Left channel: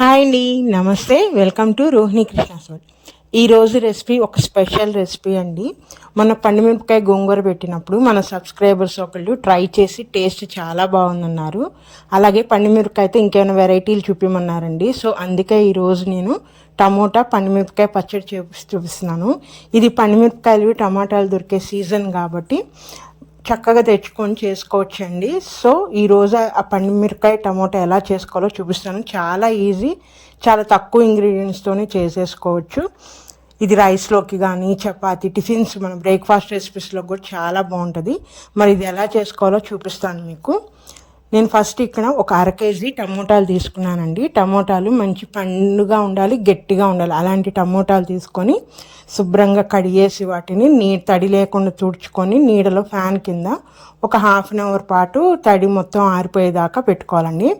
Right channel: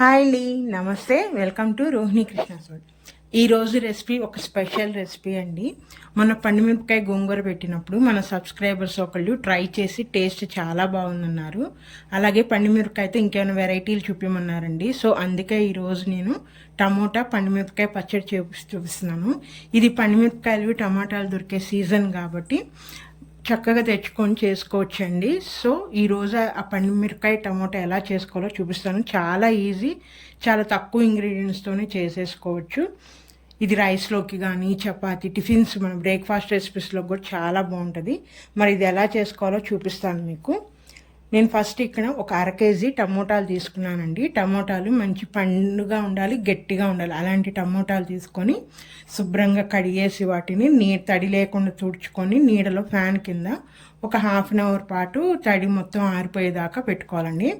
Hi అండి, నమస్తే. Welcome to Rohini Krishna స్వామి. ఈరోజు రెసిపీ ఒక స్పెషల్ రెసిపీ అండి. మన పండుమిరపకాయ గోంగూర పెట్టినప్పుడు మన సబ్స్క్రైబర్స్ ఒకళ్ళు ట్రై చేసి టేస్ట్ చాలా బాగుందన్నారు. అలాగే పండుమిరపకాయతో ఇంకేమైనా వెరైటీలు చూపించమన్నారండి. సో అందుకే ఈరోజు నేను టమోటా పండుమిరపకాయ పచ్చడి చూపిస్తున్నాను. ఇది పండుమిరపకాయలు టమాటాలు దొరికే సీజన్ కాబట్టి చక్కగా తెచ్చుకొని చేసుకోవచ్చండి. సో ఈరోజు ఆ పండుమిరపకాయ టమోటా ఎలా చేసుకోవాలో చూపిస్తాను. చాలా ఈజీ, చాలా తక్కువ ఇంగ్రీడియంట్స్తోనే చేసేసుకోవచ్చు. ఇది రైస్లోకి కానీ చపాతీ టిఫిన్స్ మన బ్రేక్ఫాస్ట్ రెసిపీస్లో కూడా చాలా బాగుంటుంది. మరి ఇది ఎలా చేసుకోవాలో చూపిస్తాను మీకు. నేను ఫస్ట్ ఇక్కడ ఒక 1/2 కేజీ టమోటాలు తీసుకున్నానండి. టమోటాలు మంచి పండుగా ఉండాలి, గట్టిగా ఉండాలి. అలాంటి టమోటాలు తీసుకొని శుభ్రంగా కడిగేసి వాటిని తడి లేకుండా తుడుచుకొని నీడలో ఫ్యాన్ కింద ఒక 1/2 అవర్ పాటు తడి మొత్తం ఆరిపోయేదాకా పెట్టుకోవాలండి.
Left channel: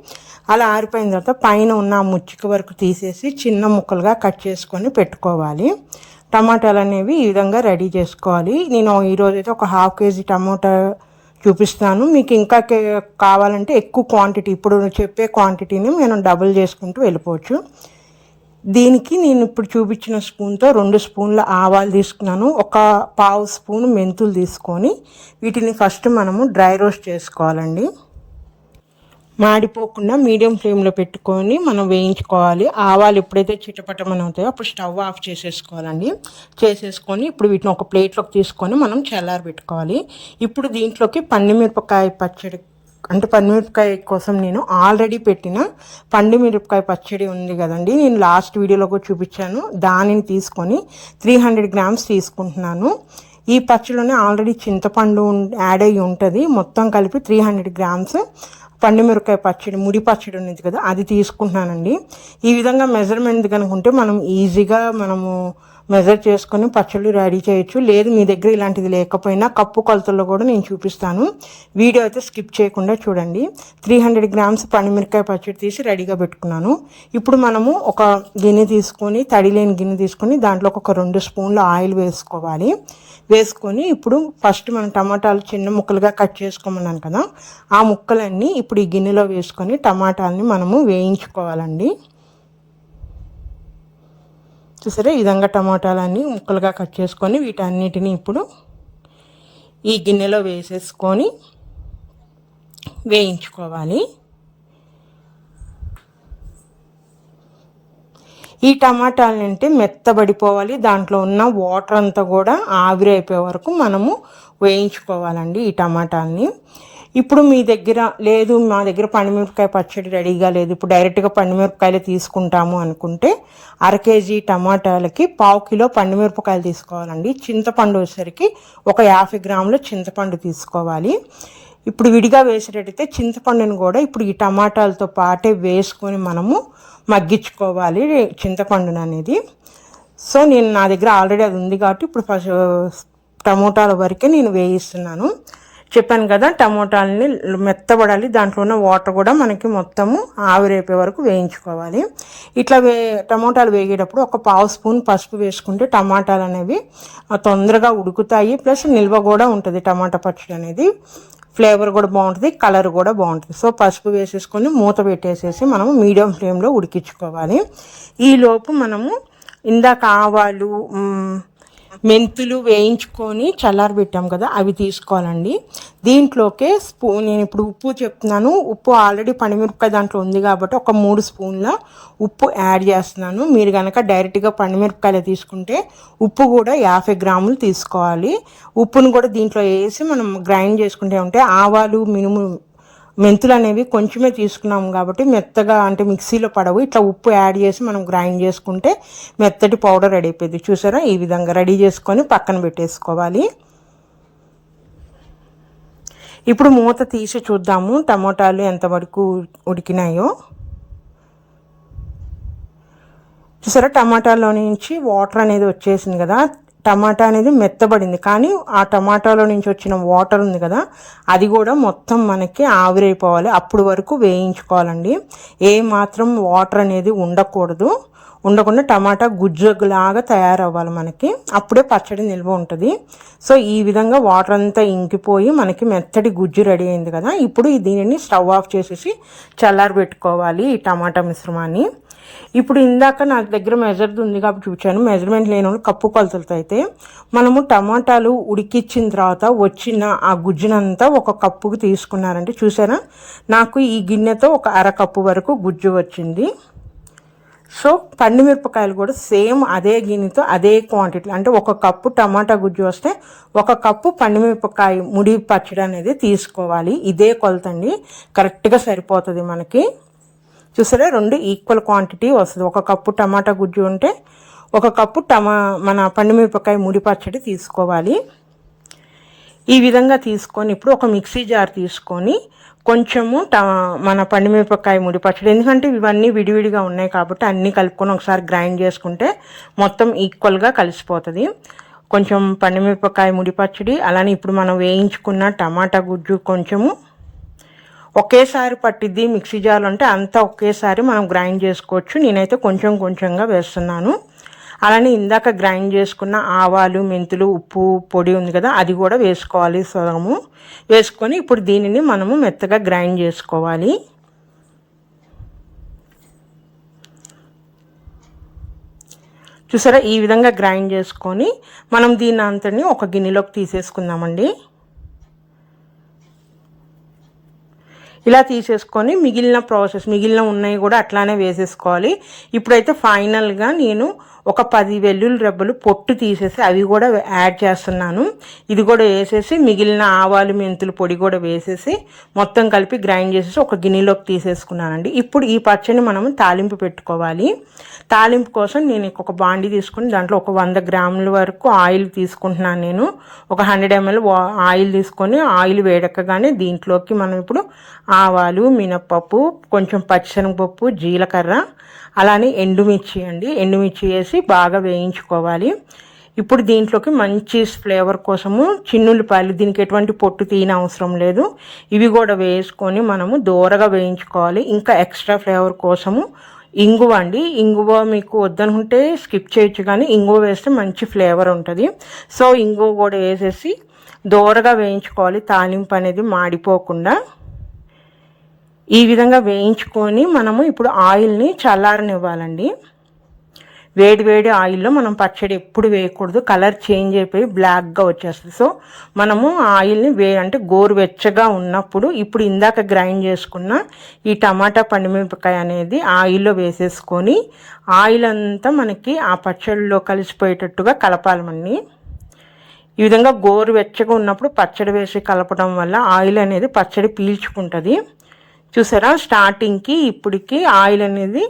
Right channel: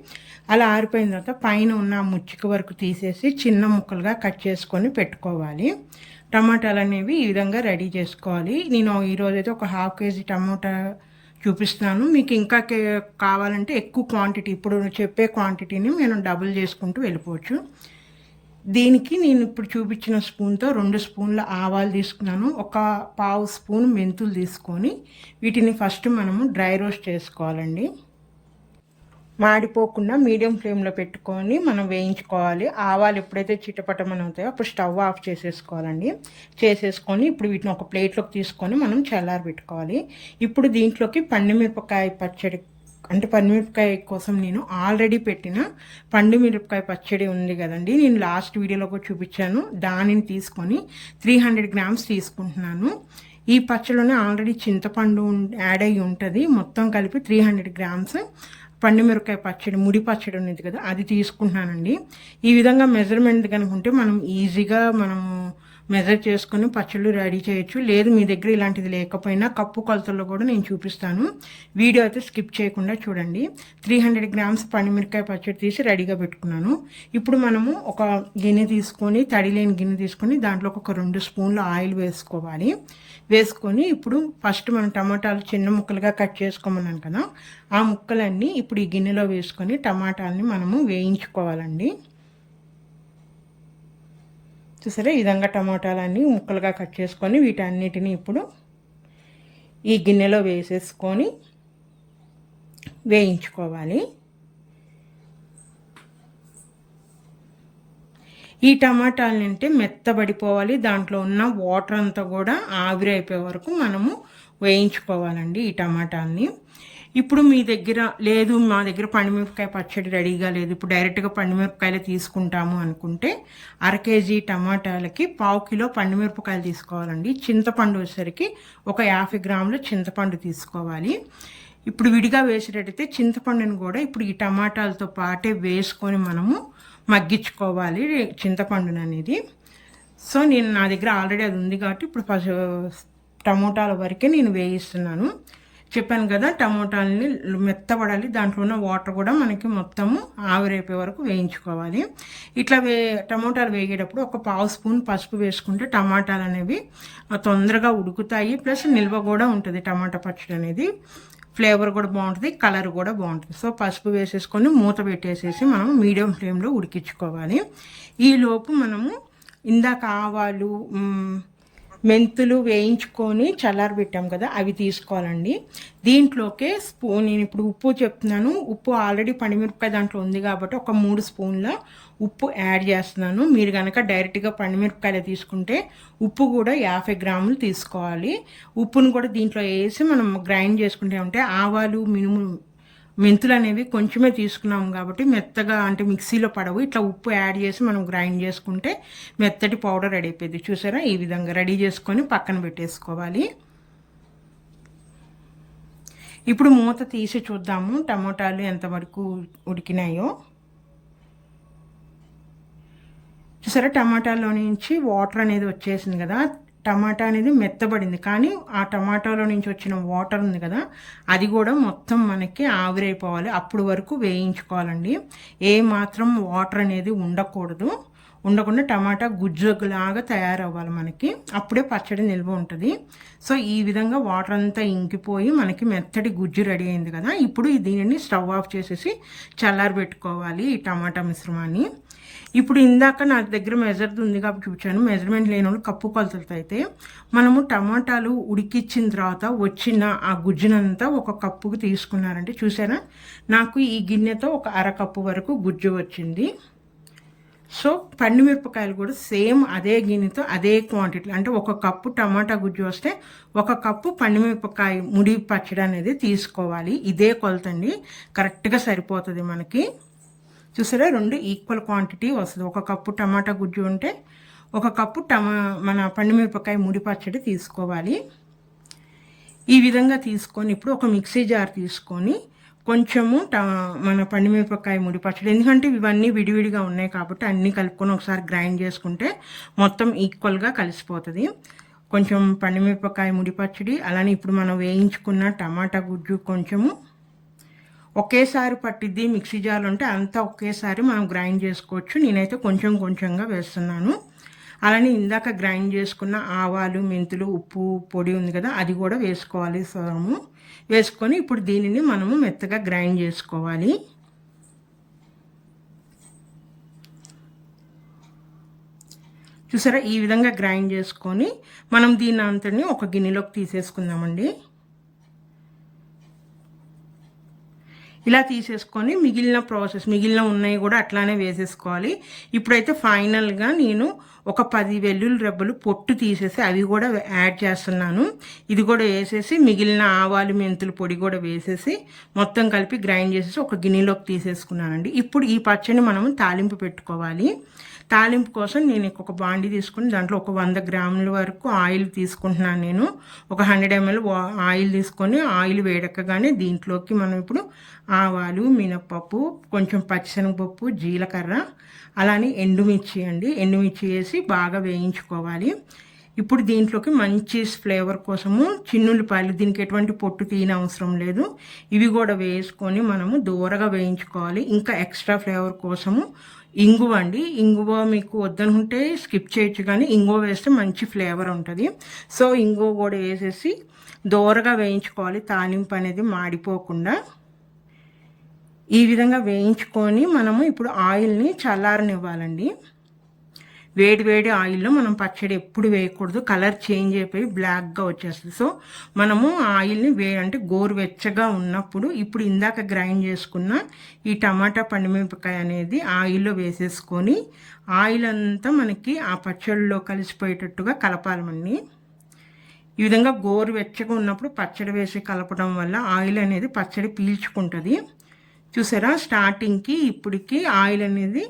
అలా ఆరిపోయిన తర్వాత పైన ఉన్న ముచ్చిక వరకు తీసేసి చిన్న ముక్కలుగా కట్ చేసుకొని పెట్టుకోవాలి. టమాటాలు అనేవి ఈ విధంగా రెడీ చేసుకోవాలి. నేను ఈరోజైతే ఒక 1/2 కేజీ టమోటా చూపిస్తాను. మీకు ఇంకా కావాలంటే ఎక్కువ క్వాంటిటీ, ఇప్పుడు చెప్పే క్వాంటిటీని నేను డబుల్ చేసుకుంటూ వెళ్ళిపోవచ్చు. దీనికి నేను ఇప్పుడు చూపించిన స్పూన్తో 2 స్పూన్ల ఆవాలు తీసుకున్నాను. ఒక 1/2 స్పూన్ మెంతులు తీసుకొని వీటిని ఫస్ట్ మనము డ్రై రోస్ట్ చేసుకోవాలండి. మాడిపోకుండా మీడియం ఫ్లేమ్లో పెట్టుకొని మనం వేయించుకోవాలి. ఆవాలు ఎప్పుడైతే చిటపటమని అవుతాయో అప్పుడు స్టవ్ ఆఫ్ చేసేసుకోవాలండి. చేసేసుకొని ఇప్పుడు వీటిని ఒక ప్లేట్లోకి తీసుకొని మనం చల్లారి పెట్టుకోవాలి. ఇప్పుడు దీంట్లోకి పండుమిరపకాయ పచ్చడి, అంటే పండుమిరపకాయ కోసం నేను ఆల్రెడీ పెట్టిన పండుమిరపకాయ పచ్చడి ఉంది కదండి, నేను లాస్ట్ వీడియోలో కూడా చూపించాను. దానిని తీసుకొని 300 గ్రామ్స్ తీసుకుంటున్నాను. ఈ పచ్చడిలోనే ఆల్రెడీ చింతపండు యాడ్ అయ్యి ఉంటుంది. మొత్తం కలిపి 300 గ్రామ్స్ పండుమిరపకాయ పచ్చడి, ముడి పచ్చడి ఉన్నది కదా, అది తీసుకుంటున్నానండి. ఈ విధంగా మెజర్మెంట్ కనుకుంటే మనం ఈజీగా మెజర్ చేసుకొని పచ్చళ్ళు రెడీ చేయొచ్చు. లేదు మీ దగ్గర ఇలాంటిది లేకపోయినా కప్పు కొలతల్లో కూడా నేను చూపిస్తాను. వీడియో అయితే స్కిప్ చేయకుండా చూడండి. 300 గ్రామ్స్ పండుమిరపకాయ పచ్చడి తీసి రెడీగా పెట్టుకున్నాను. ఇప్పుడు మనము ఒక గిన్నె తీసుకొని, తడి లేని గిన్నె తీసుకొని దాంట్లో ఒక 2 స్పూన్ల ఆయిల్ వేసుకోవాలి. వేసుకొని ఇప్పుడు ఫస్ట్ మనం టమాటాలు చిన్న ముక్కలుగా కట్ చేసుకోమన్నాను కదా, ఆ ముక్కలన్నీ ఇప్పుడు ఈ గిన్నెలో వేసుకొని టమాటాలని మనము వేయించుకోవాలండి. చూసారా, ఈ విధంగా టమాటాలన్నీ ముక్కలుగా కట్ చేసుకొని వీటన్నిటిని ఇప్పుడు ఈ గిన్నెలో వేసేసుకొని వేయించుకోవాలి. ఈ టమాటాలని అంటే మెత్తబడిపోవాలి, దాంట్లో ఉన్న వాటర్ అంతా కూడా ఆవిరైపోయే వరకు మనము వేయించుకోవాలండి ఈ టమాటాలని. ఇప్పుడు మీ దగ్గర లేదు, మా దగ్గర పండుమిరపకాయ పచ్చడి రెడీగా లేదు, ఇప్పుడు డైరెక్ట్గా పండుమిరపకాయలు తీసుకుంటాము అనుకుంటే 1/2 కేజీ టమాటాలకి 1/2 కిలో పండుమిరపకాయలు తీసుకోవాలండి. చింతపండు వచ్చేసరికి ఒక 50 గ్రాముల చింతపండు తీసుకోవాలి. ఇప్పుడు విడిగా వేసేటట్టయితే చింతపండుని కూడా ఇప్పుడు ఈ టమాటాలతో పాటే వేసుకొని మనము మగ్గించుకోవాలి చింతపండుని అనేది. సో నా దగ్గర ఆల్రెడీ అది ఉంది కాబట్టి ఇప్పుడు టమోటాల వరకే నేను వేయిస్తున్నాను. చెప్పాను కదా, టమోటాలని మెత్తబడాలి, దాంట్లో ఉన్న వాటర్ కూడా మనకి మొత్తము ఆవిరైపోయే వరకు వేయించుకోవాలి. ఇట్లా టమోటాలు వేగేటప్పుడు ఒక 1/2 స్పూన్ పసుపు వేసుకుంటే టమాటాలు అనేవి తొందరగా ఉడుకుతాయి, ప్లస్ నిల్వ కూడా ఉంటుంది. టమాటా పచ్చడి అనేది ఫ్లేవర్ కూడా బాగుంటుంది, కలర్ కూడా బాగుంటుంది. సో పసుపు వేసేసుకొని మూత పెట్టేసేసి మనము మీడియం ఫ్లేమ్లో ఉడికించుకోవాలి. ఈలోపు మనము ఇందాక ఆవాలు మెంతులు వేయించుకొని చల్లారబెట్టాం కదా, అవి తీసుకోవాలండి. దీంట్లోకే నేను ఇప్పుడు ఉప్పు చెప్తున్నాను. ఉప్పు ఆల్రెడీ పండుమిరపకాయ దాంట్లో ఉంది కాబట్టి ఒక 3 స్పూన్ల ఉప్పు యాడ్ చేస్తున్నాను. మీరు కనుక డైరెక్ట్గా పండుమిరపకాయలు తీసుకుంటే ఉప్పు కూడా 50 గ్రాములు తీసుకోవాలి. ఉప్పును కూడా దీంట్లో వేసి మనం గ్రైండ్ చేసుకుంటే ఉంటే ఆవాలు మెంతులు అనేవి కొంచెమే తీసుకున్నాం కాబట్టి మెత్తగా అంటే మిక్సీలో పడవు. ఇట్లా ఉప్పు యాడ్ చేసి మనం గ్రైండ్ చేసుకుంటే మెత్తటి పౌడర్ రెడీ అయిపోయింది. చూసారా, ఈ విధంగా రెడీ చేసుకొని పక్కన పెట్టేసుకోవాలి. ఇప్పుడు మూత తీసి చూద్దాము టమోటాలు ఎంతవరకు ఉడికినాయో. చూసారా, టమాటాలో నుంచి వాటర్ అనేది వచ్చేసింది కదా, టమాటా అనేది మెత్తబడింది. కానీ ఆ టమాటాలో నుంచి వచ్చిన వాటర్ ఉంది కదా, అది కూడా మొత్తం మనకి ఆవిరైపోవాలి. అప్పుడు వరకు వేయించుకోవాలండి. ఏ మాత్రం వాటర్ అనేది ఉండకూడదు. ఉండకుండా టమాటా గుజ్జులాగా తయారవ్వాలి మనకి, అప్పుడే పచ్చడి నిల్వ ఉంటుంది. సో ఈ విధంగా వాటర్ అంతా ఇంకిపోయి మనకి మెత్తటి గుజ్జు రెడీ అయింది కదా. ఇప్పుడు దీనిని స్టవ్ ఆఫ్ చేసేసి చల్లారబెట్టుకోవాలి ఈ టమాటా మిశ్రమాన్ని. ఇప్పుడు ఇందాక నా దగ్గర మెజర్ది ఉంది కాబట్టి చూపించాను, మెజర్మెంట్ లేని వాళ్ళు కప్పు కొలతలతో అయితే మనము టమాటాలు ఉడికిచ్చిన తర్వాత వచ్చిన ఆ గుజ్జునంతా ఒక కప్పుకు తీసుకున్నారంటే చూసారా, నాకు ఈ గిన్నెతో ఒక అరకప్పు వరకు గుజ్జు వచ్చింది. సో పండుమిరపకాయలు కూడా సేమ్ అదే గిన్నెతో అదే క్వాంటిటీ, అంటే ఒక కప్పు టమాటా గుజ్జు వస్తే ఒక కప్పు పండుమిరపకాయ ముడి పచ్చడి అనేది తీసుకోవాలి. ఇదే కొలతండి, కరెక్ట్గా సరిపోతుంది మనకి. చూసారా, 2 ఈక్వల్ క్వాంటిటీ వస్తుంది. ఒక కప్పు టమాటా గుజ్జు ఉంటే ఒక కప్పు మన పండుమిరపకాయ ముడి పచ్చడి తీసుకోవాలి. ఈ విధంగా తీసుకొని ఇప్పుడు ఒక మిక్సీ జార్ తీసుకొని కొంచెము మన పండుమిరపకాయ ముడి పచ్చడి, ఎందుకంటే ఇవన్నీ విడివిడిగా ఉన్నాయి కాబట్టి అన్నీ కలుపుకొని ఒకసారి గ్రైండ్ చేసుకుంటే మొత్తం ఈక్వల్గా కలిసిపోతుంది. కొంచెం పండుమిరపకాయ ముడి పచ్చడి, అలానే ఇప్పుడు మనం వేయించుకున్న టమాటా గుజ్జు కొంచెము ఒకేసారి పట్టిద్ది. మిక్సీ జార్లో అంటే అంతా ఒకేసారి మనం గ్రైండ్ చేసుకోవచ్చు. నేనైతే కొంచెం కొంచెంగా వేస్తున్నాను. అలానే ఇందాక గ్రైండ్ చేసుకున్న ఆవాలు, మెంతులు, ఉప్పు పొడి ఉంది కదా, అది కూడా వేసుకోవాలి. సగము వేసుకొని ఇప్పుడు దీనిని మనము మెత్తగా గ్రైండ్ చేసుకోవాలి. చూసారా, ఈ విధంగా గ్రైండ్ చేసుకొని మనం దీని అంతని ఒక గిన్నెలోకి తీసేసుకుందామండి. ఇలా తీసేసుకొని మిగిలిన ఉన్నాయి కూడా అట్లానే వేసేసుకోవాలి. ఇప్పుడైతే ఫైనల్గా నేను ఒక 10 వెల్లుల్లి రెబ్బలు పొట్టు తీసేసి అవి కూడా యాడ్ చేస్తున్నాను. ఇది కూడా వేసేసి మిగిలిన ఆవాలు, మెంతులు పొడి కూడా వేసేసి మొత్తం కలిపి గ్రైండ్ చేసేసి ఒక గిన్నెలోకి తీసేసుకున్నానండి. ఇప్పుడు ఈ పచ్చడిని మనం తాలింపు పెట్టుకోవాలి. తాలింపు కోసం నేను ఒక బాండి తీసుకుని దాంట్లో ఒక 100 గ్రాముల వరకు ఆయిల్ తీసుకుంటున్నాను. నేను ఒక 100 ml ఆయిల్ తీసుకొని ఆయిల్ వేడెక్కగానే దీంట్లోకి మనం ఇప్పుడు ఆవాలు, మినప్పప్పు, కొంచెం పచ్చిశనగపప్పు, జీలకర్ర, అలానే ఎండుమిర్చి అండి, ఎండుమిర్చి వేసి బాగా వేయించుకోవాలి. ఇప్పుడు దీంట్లోకి మంచి ఫ్లేవర్ కోసము చిన్నుల్లిపాయలు, దీనికి ఎటువంటి పొట్టు తీయని అవసరం లేదు, ఇవి కూడా వేసుకొని మనము దూరగా వేయించుకోవాలి. ఇంకా ఎక్స్ట్రా ఫ్లేవర్ కోసము ఇంగువ అండి, ఇంగువ మీకు వద్దనుకుంటే స్కిప్ చేయొచ్చు, కానీ ఇంగువ వేస్తే మంచి ఫ్లేవర్ ఉంటుంది. సో ఇంగువ కూడా వేసేసి దూరగా వేయించుకోవాలి, తాలింపు అనేది మాడిపోకుండా. ఈ విధంగా వేయించుకొని మనము ఇప్పుడు ఆయిల్ని చల్లారనివ్వాలండి. వేడి ఆయిల్లో మనం పచ్చడి ఎప్పుడు వేయకూడదు, కలర్ చేంజ్ అయిపోయి బ్లాక్గా వచ్చేస్తుంది. సో మనము ఆయిల్ని అంటే గోరువెచ్చగా ఉన్నప్పుడు ఇప్పుడు ఇందాక గ్రైండ్ చేసుకున్న ఈ టమాటా పండుమిరపకాయ అనేది ఆయిల్లో వేసేసుకొని ఆయిల్ అంతా మనకి ఆ పచ్చడిలో కలిసిపోయేటట్టుగా కలపాలమండి. ఈ విధంగా గోరువెచ్చగా ఉన్నప్పుడు పచ్చడి వేసి కలపడం వల్ల ఆయిల్ అనేది పచ్చడి పీల్చుకుంటుంది. చూసారా, స్టార్టింగ్కి ఇప్పటికి ఆయిల్ అనేది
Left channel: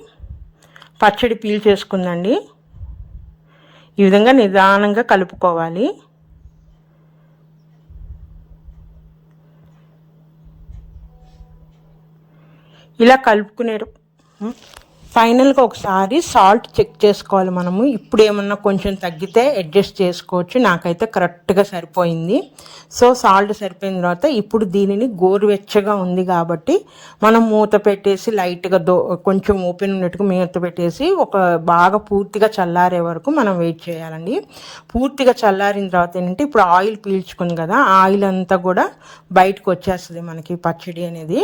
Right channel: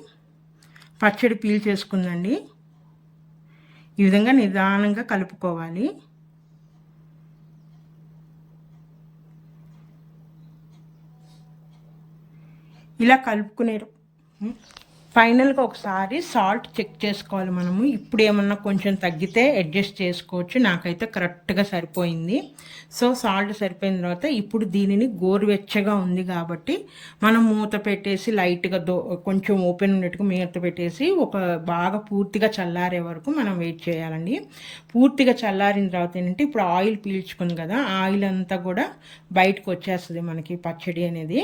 పచ్చడి పీల్చేసుకుందండి. ఈ విధంగా నిదానంగా కలుపుకోవాలి. ఇలా కలుపుకునే ఫైనల్గా ఒకసారి సాల్ట్ చెక్ చేసుకోవాలి మనము. ఇప్పుడు ఏమన్నా కొంచెం తగ్గితే అడ్జస్ట్ చేసుకోవచ్చు, నాకైతే కరెక్ట్గా సరిపోయింది. సో సాల్ట్ సరిపోయిన తర్వాత ఇప్పుడు దీనిని గోరువెచ్చగా ఉంది కాబట్టి మనం మూత పెట్టేసి లైట్గా కొంచెం ఓపెన్ ఉన్నట్టుగా మూత పెట్టేసి ఒక బాగా పూర్తిగా చల్లారే వరకు మనం వెయిట్ చేయాలండి. పూర్తిగా చల్లారిన తర్వాత ఏంటంటే ఇప్పుడు ఆయిల్ పీల్చుకుంది కదా, ఆయిల్ అంతా కూడా బయటకు వచ్చేస్తుంది మనకి పచ్చడి అనేది.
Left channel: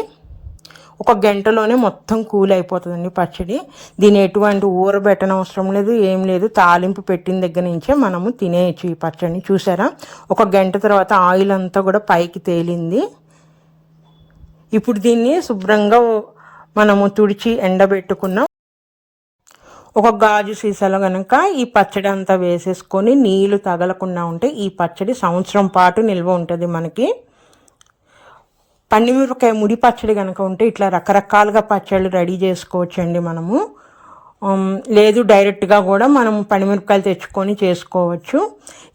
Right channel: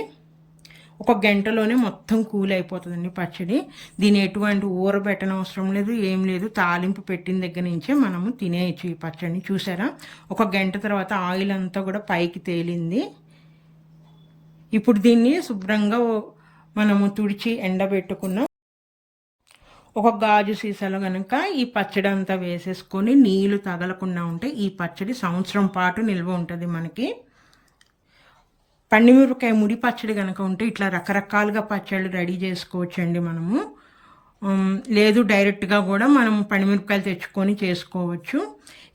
ఒక గంటలోనే మొత్తం కూల్ అయిపోతుందండి పచ్చడి. దీని ఎటువంటి ఊరబెట్టనవసరం లేదు, ఏం లేదు, తాలింపు పెట్టిన దగ్గర నుంచే మనము తినేయచ్చు ఈ పచ్చడిని. చూసారా, ఒక గంట తర్వాత ఆయిల్ అంతా కూడా పైకి తేలింది. ఇప్పుడు దీన్ని శుభ్రంగా మనము తుడిచి ఎండబెట్టుకున్నాం. ఒక గాజు సీసాలో కనుక ఈ పచ్చడి అంతా వేసేసుకొని నీళ్లు తగలకుండా ఉంటే ఈ పచ్చడి సంవత్సరం పాటు నిల్వ ఉంటుంది మనకి. పండుమిరపకాయ ముడి పచ్చడి కనుక ఉంటే ఇట్లా రకరకాలుగా పచ్చళ్ళు రెడీ చేసుకోవచ్చండి మనము. లేదు డైరెక్ట్గా కూడా మనం పండుమిరపకాయలు తెచ్చుకొని చేసుకోవచ్చు.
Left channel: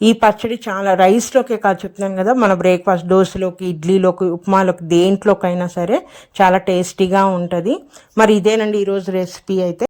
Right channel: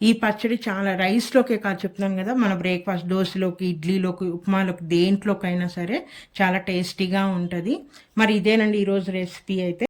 ఈ పచ్చడి చాలా రైస్లోకే కాదు చెప్తున్నాను కదా, మన బ్రేక్ఫాస్ట్, దోశలోకి, ఇడ్లీలోకి, ఉప్మాలోకి, దేంట్లోకైనా సరే చాలా టేస్టీగా ఉంటుంది. మరి ఇదేనండి ఈరోజు రెసిపీ అయితే.